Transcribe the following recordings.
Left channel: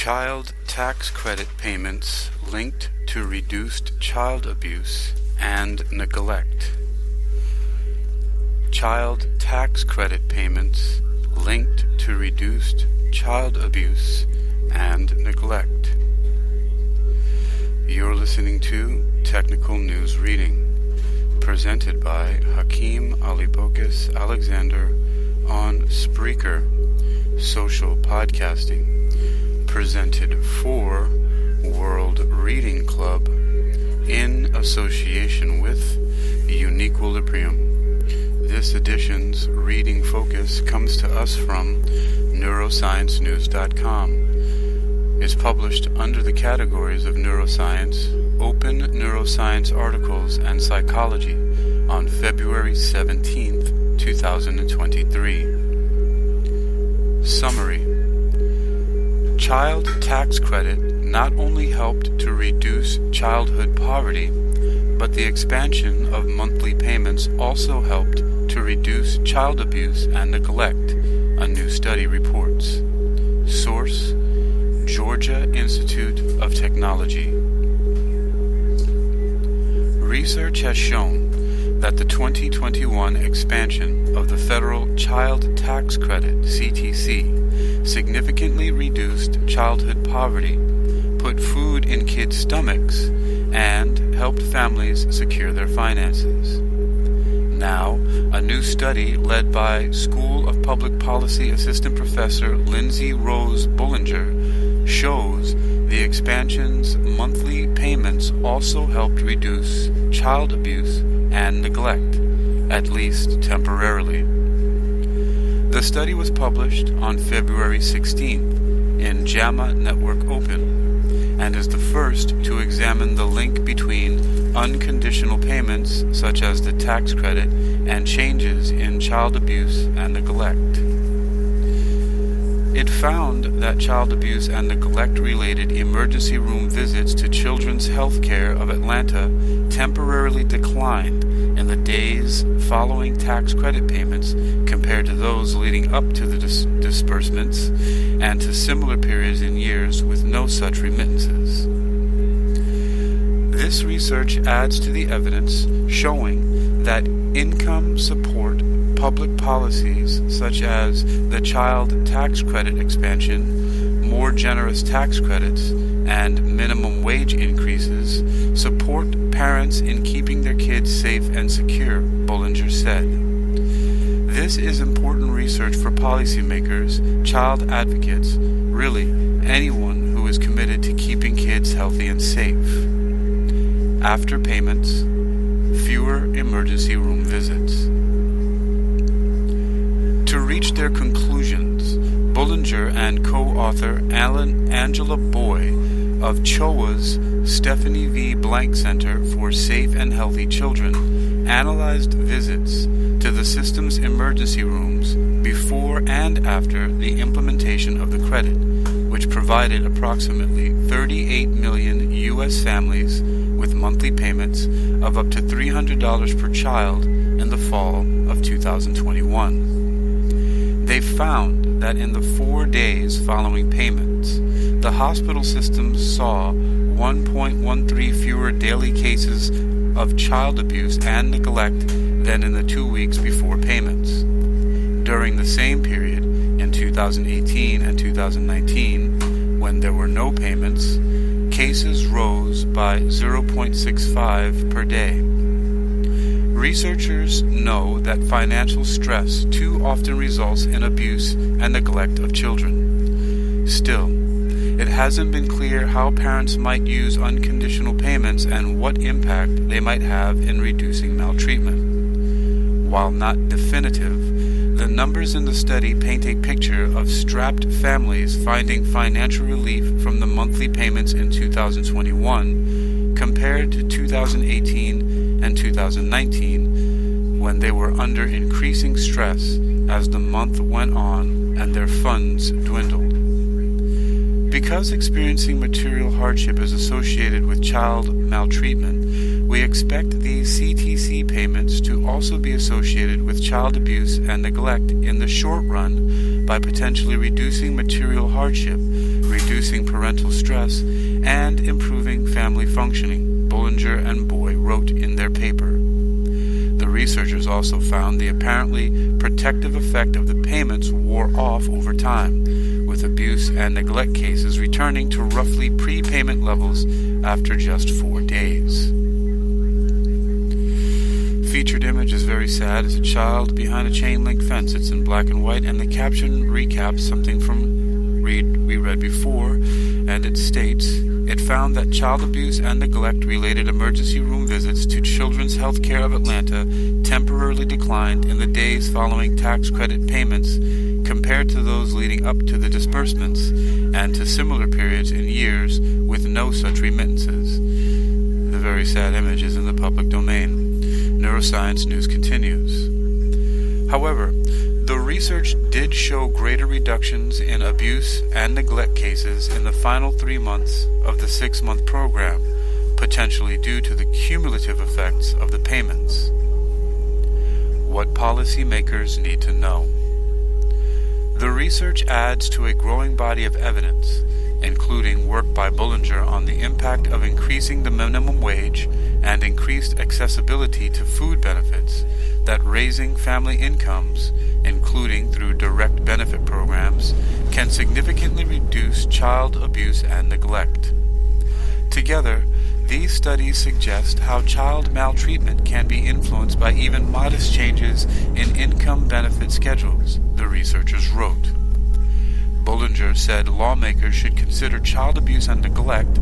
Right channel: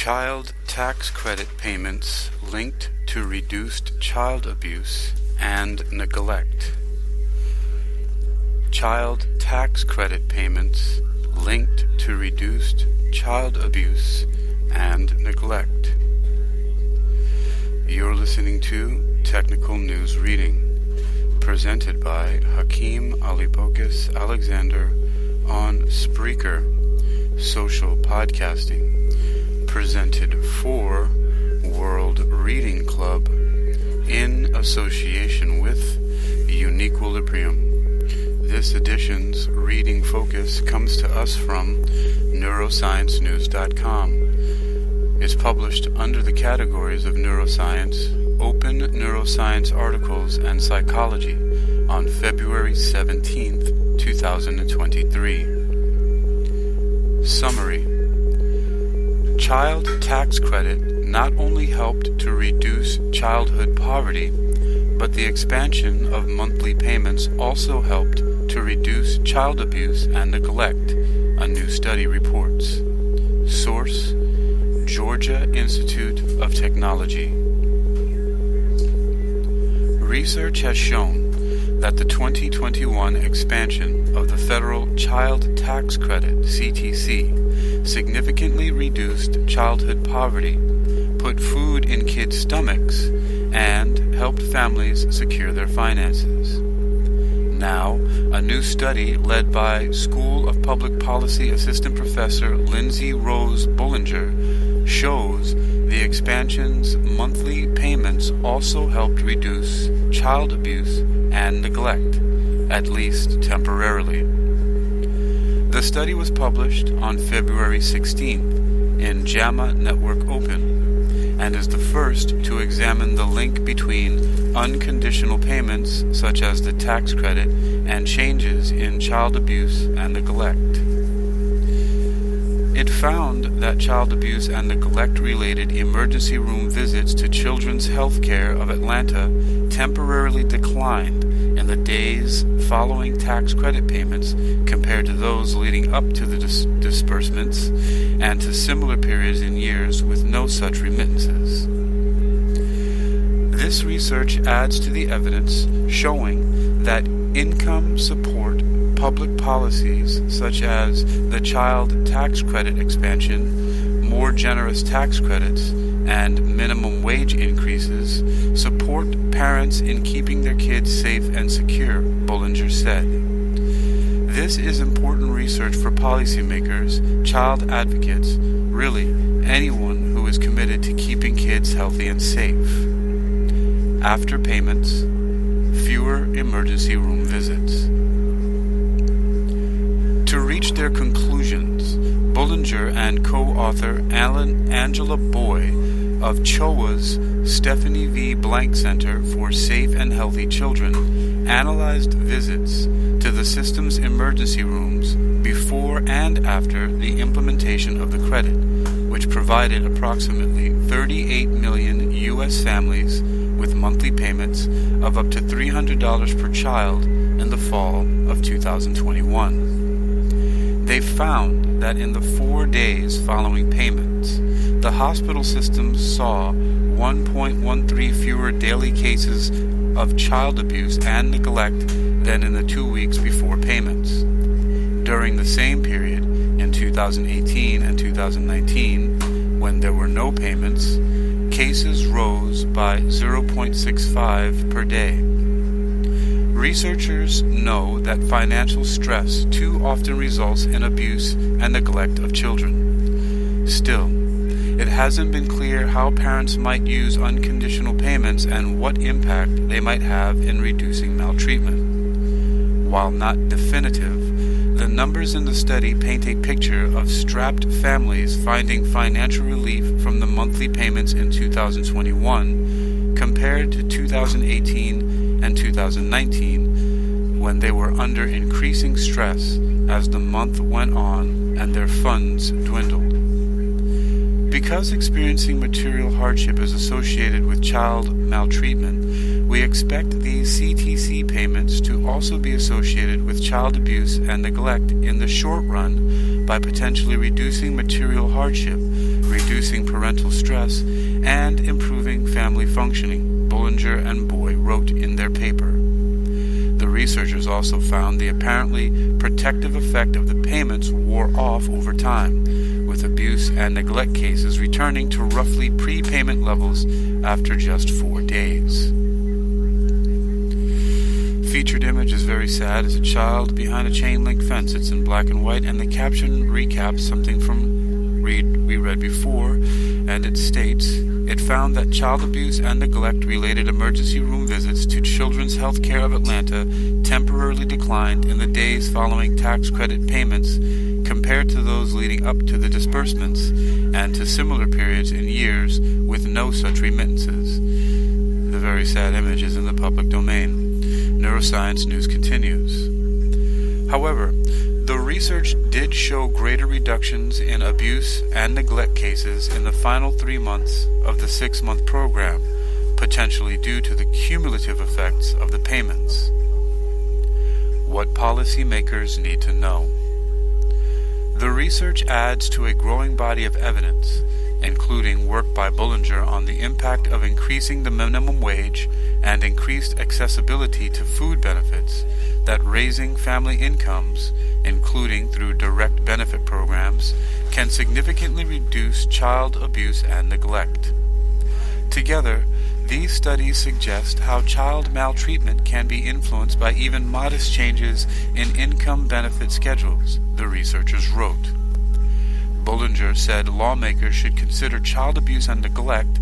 Child tax credit payments linked to reduced child abuse and neglect. Child tax credit payments linked to reduced child abuse and neglect. You're listening to Technical News Reading, presented by Hakeem Alibokis Alexander on Spreaker, social podcasting, presented for World Reading Club in association with UniquilibriuM. This edition's reading focus comes to us from neurosciencenews.com. It's published under the categories of neuroscience, open neuroscience articles, and psychology on February 17th, 2023. Summary. Child tax credit not only helped to reduce childhood poverty, but the expansion of monthly payments also helped to reduce child abuse and neglect, a new study reports. Source: Georgia Institute of Technology. Research has shown that the 2021 expansion of the federal Child Tax Credit, CTC, significantly reduced childhood poverty, put food in kids' stomachs, and helped families secure their finances. Now, a new study led by School of Public Policy Assistant Professor Lindsay Rose Bullinger shows the expansion's monthly payments also helped reduce child abuse and neglect, at least temporarily. The study was published on February 16th in JAMA Network Open and is the first to examine the link between unconditional payments such as the tax credit and changes in child abuse and neglect. It found that child abuse and neglect-related emergency room visits to Children's Health Care of Atlanta temporarily declined in the days following tax credit payments compared to those leading up to the disbursements and to similar periods in years with no such remittances. This research adds to the evidence showing that income support public policies such as the child tax credit expansion, more generous tax credits, and minimum wage increases support parents in keeping their kids safe and secure, Bullinger said. This is important research for policymakers, child advocates, really anyone who is committed to keeping kids healthy and safe. After payments, fewer emergency room visits. To reach their conclusions, Bullinger and co-author Angela Boy of CHOA's Stephanie V. Blank Center for Safe and Healthy Children analyzed visits to the system's emergency rooms before and after the implementation of the credit, which provided approximately 38 million U.S. families with monthly payments of up to $300 per child in the fall of 2021. They found that in the 4 days following payments, the hospital system saw 1.13 fewer daily cases of child abuse and neglect than in the 2 weeks before payments. During the same period, in 2018 and 2019, when there were no payments, cases rose by 0.65 per day. Researchers know that financial stress too often results in abuse and neglect of children. Still, it hasn't been clear how parents might use unconditional payments and what impact they might have in reducing maltreatment. While not definitive, the numbers in the study paint a picture of strapped families finding financial relief from the monthly payments in 2021 compared to 2018 and 2019, when they were under increasing stress as the month went on and their funds dwindled. Because experiencing material hardship is associated with child maltreatment, we expect these CTC payments to also be associated with child abuse and neglect in the short run by potentially reducing material hardship, reducing parental stress, and improving family functioning, Bollinger and Boy wrote in their paper. The researchers also found the apparently protective effect of the payments wore off over time, with abuse and neglect cases returning to roughly pre-payment levels after just 4 days. Featured image is very sad as a child behind a chain link fence. It's in black and white, and the caption recaps something from we read before, and it states, it found that child abuse and neglect related emergency room visits to Children's Health Care of Atlanta temporarily declined in the days following tax credit payments compared to those leading up to the disbursements and to similar periods in years with no such remittances. The very sad image is in the public domain. Neuroscience News continues. However, the research did show greater reductions in abuse and neglect cases in the final 3 months of the 6-month program, potentially due to the cumulative effects of the payments. What policymakers need to know. The research adds to a growing body of evidence, including work by Bollinger on the impact of increasing the minimum wage and increased accessibility to food benefits, that raising family incomes, including through direct benefit programs, can significantly reduce child abuse and neglect. Together, these studies suggest how child maltreatment can be influenced by even modest changes in income benefit schedules, the researchers wrote. Bollinger said lawmakers should consider child abuse and neglect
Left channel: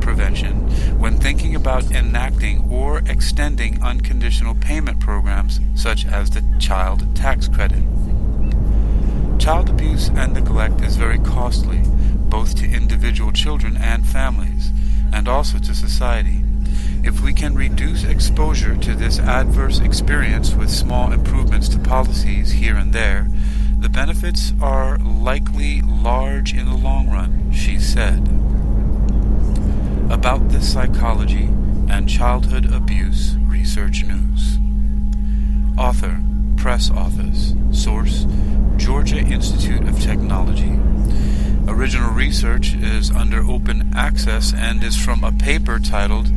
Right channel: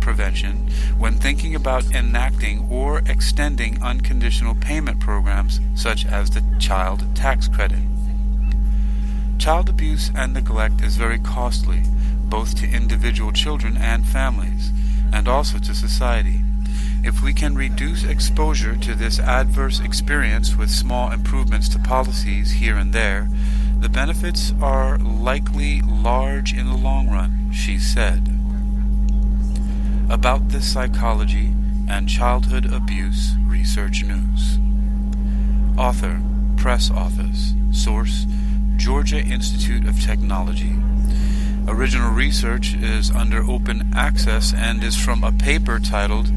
prevention when thinking about enacting or extending unconditional payment programs such as the child tax credit. Child abuse and neglect is very costly, both to individual children and families, and also to society. If we can reduce exposure to this adverse experience with small improvements to policies here and there, the benefits are likely large in the long run, she said. About this psychology and childhood abuse research news. Author, Press Office. Source, Georgia Institute of Technology. Original research is under open access and is from a paper titled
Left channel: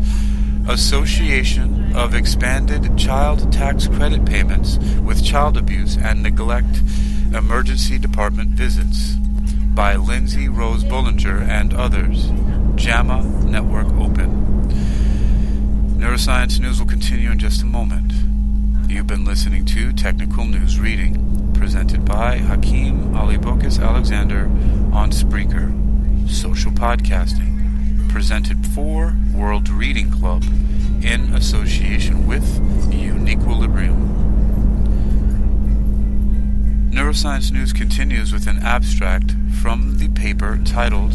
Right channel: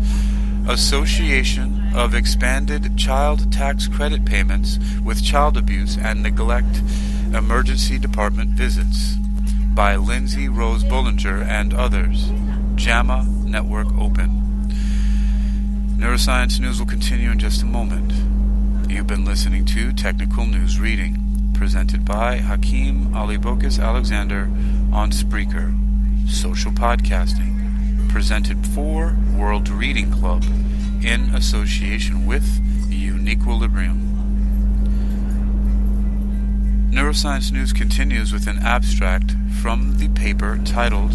Association of Expanded Child Tax Credit Payments with Child Abuse and Neglect Emergency Department Visits by Lindsay Rose Bollinger and others. JAMA Network Open. Neuroscience News will continue in just a moment. You've been listening to Technical News Reading, presented by Hakeem Alibokis Alexander on Spreaker. Social podcasting, presented for World Reading Club in association with UniquilibriuM. Neuroscience News continues with an abstract from the paper titled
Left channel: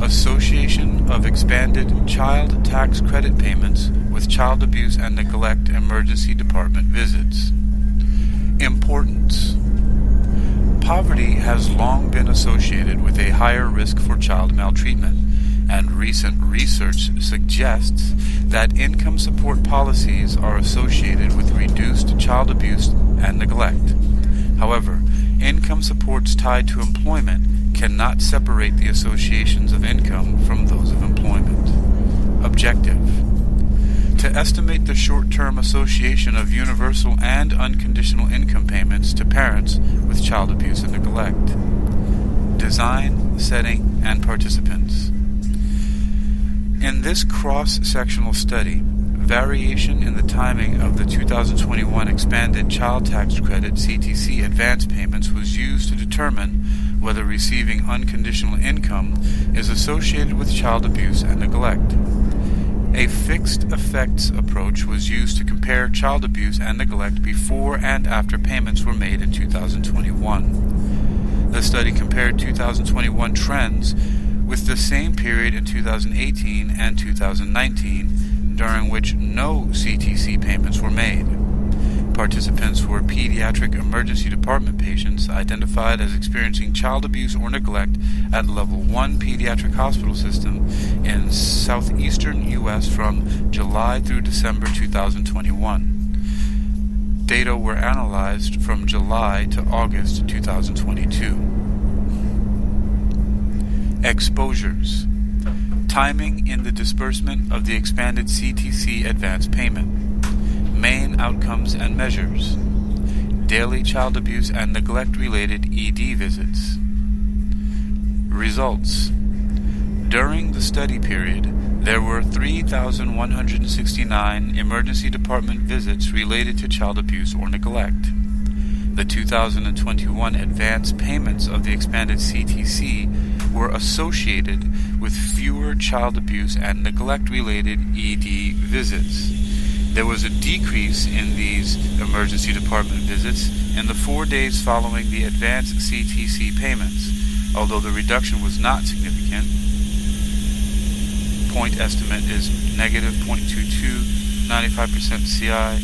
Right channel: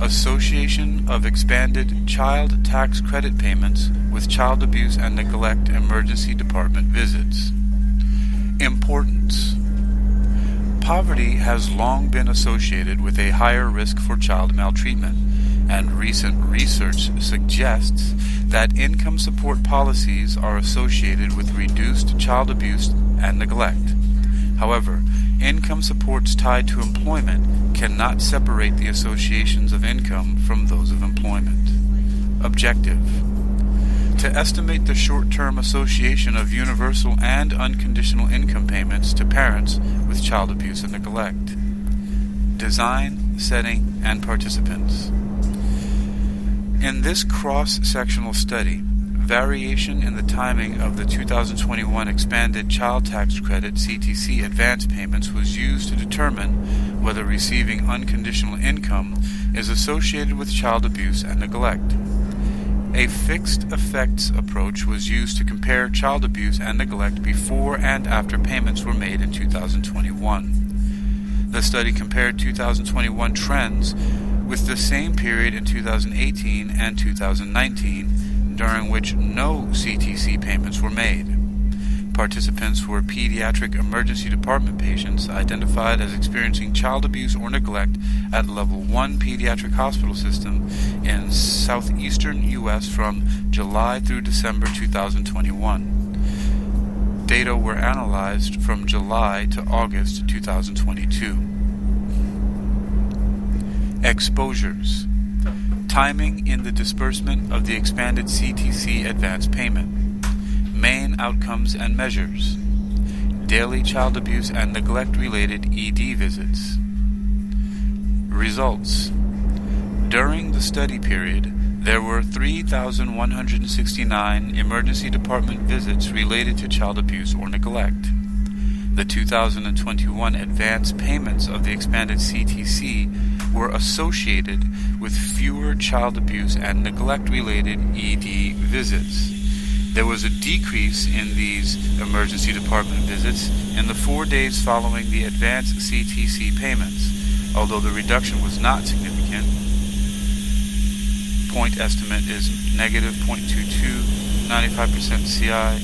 Association of Expanded Child Tax Credit Payments with Child Abuse and Neglect Emergency Department Visits. Importance. Poverty has long been associated with a higher risk for child maltreatment, and recent research suggests that income support policies are associated with reduced child abuse and neglect. However, income supports tied to employment cannot separate the associations of income from those of employment. Objective. To estimate the short-term association of universal and unconditional income payments to parents with child abuse and neglect. Design, setting, and participants. In this cross-sectional study, variation in the timing of the 2021 Expanded Child Tax Credit CTC advance payments was used to determine whether receiving unconditional income is associated with child abuse and neglect. A fixed effects approach was used to compare child abuse and neglect before and after payments were made in 2021. The study compared 2021 trends with the same period in 2018 and 2019, during which no CTC payments were made. Participants were pediatric emergency department patients identified as experiencing child abuse or neglect at Level 1 Pediatric Hospital System in southeastern U.S. from July through December 2021. Data were analyzed from July to August 2022. Exposures. Timing in the disbursement of the expanded CTC advance payment. Main outcomes and measures. Daily child abuse and neglect-related ED visits. Results. During the study period, there were 3,169 emergency department visits related to child abuse or neglect. The 2021 advance payments of the expanded CTC were associated with fewer child abuse and neglect-related ED visits. There was a decrease in these emergency department visits in the 4 days following the advance CTC payments, although the reduction was not significant. Point estimate is negative 0.22, 95% CI,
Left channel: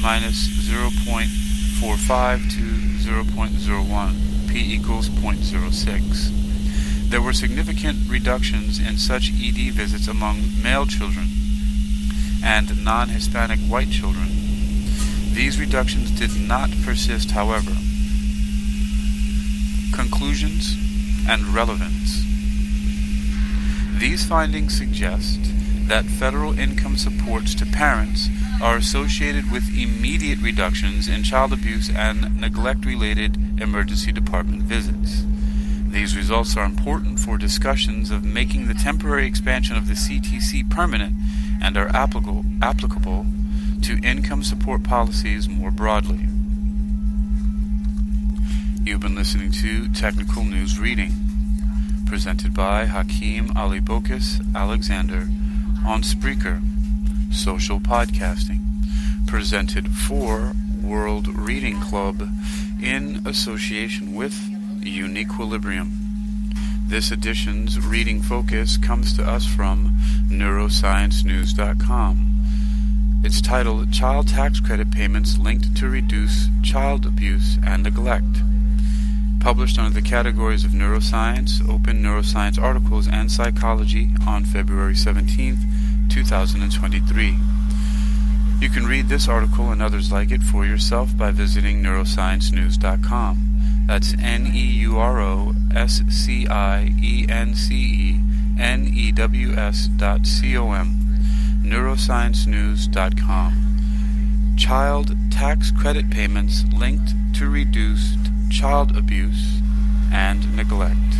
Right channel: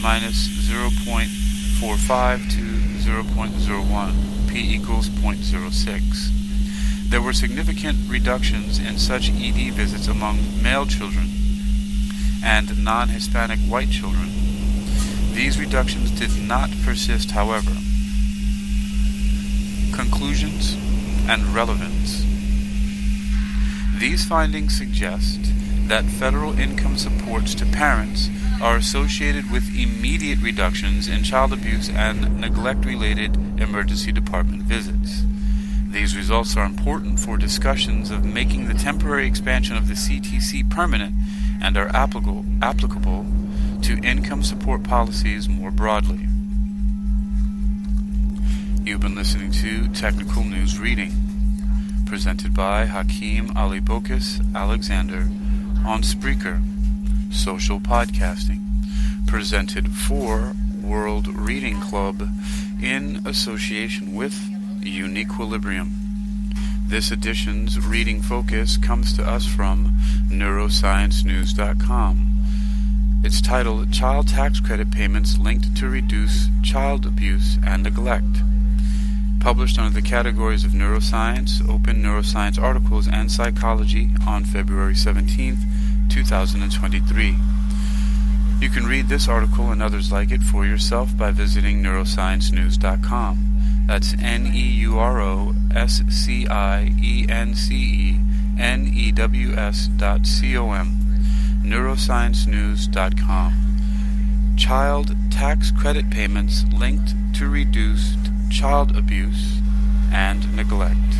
minus 0.45 to 0.01, P equals 0.06. There were significant reductions in such ED visits among male children and non-Hispanic white children. These reductions did not persist, however. Conclusions and relevance. These findings suggest that federal income supports to parents are associated with immediate reductions in child abuse and neglect-related emergency department visits. These results are important for discussions of making the temporary expansion of the CTC permanent and are applicable to income support policies more broadly. You've been listening to Technical News Reading, presented by Hakeem Alibokis Alexander on Spreaker, social podcasting, presented for World Reading Club in association with UniquilibriuM. This edition's reading focus comes to us from neurosciencenews.com. It's titled Child Tax Credit Payments Linked to Reduce Child Abuse and Neglect. Published under the categories of neuroscience, open neuroscience articles, and psychology on February 17, 2023. You can read this article and others like it for yourself by visiting neurosciencenews.com. That's neurosciencenews.com. neurosciencenews.com. Child tax credit payments linked to reduced child abuse and neglect.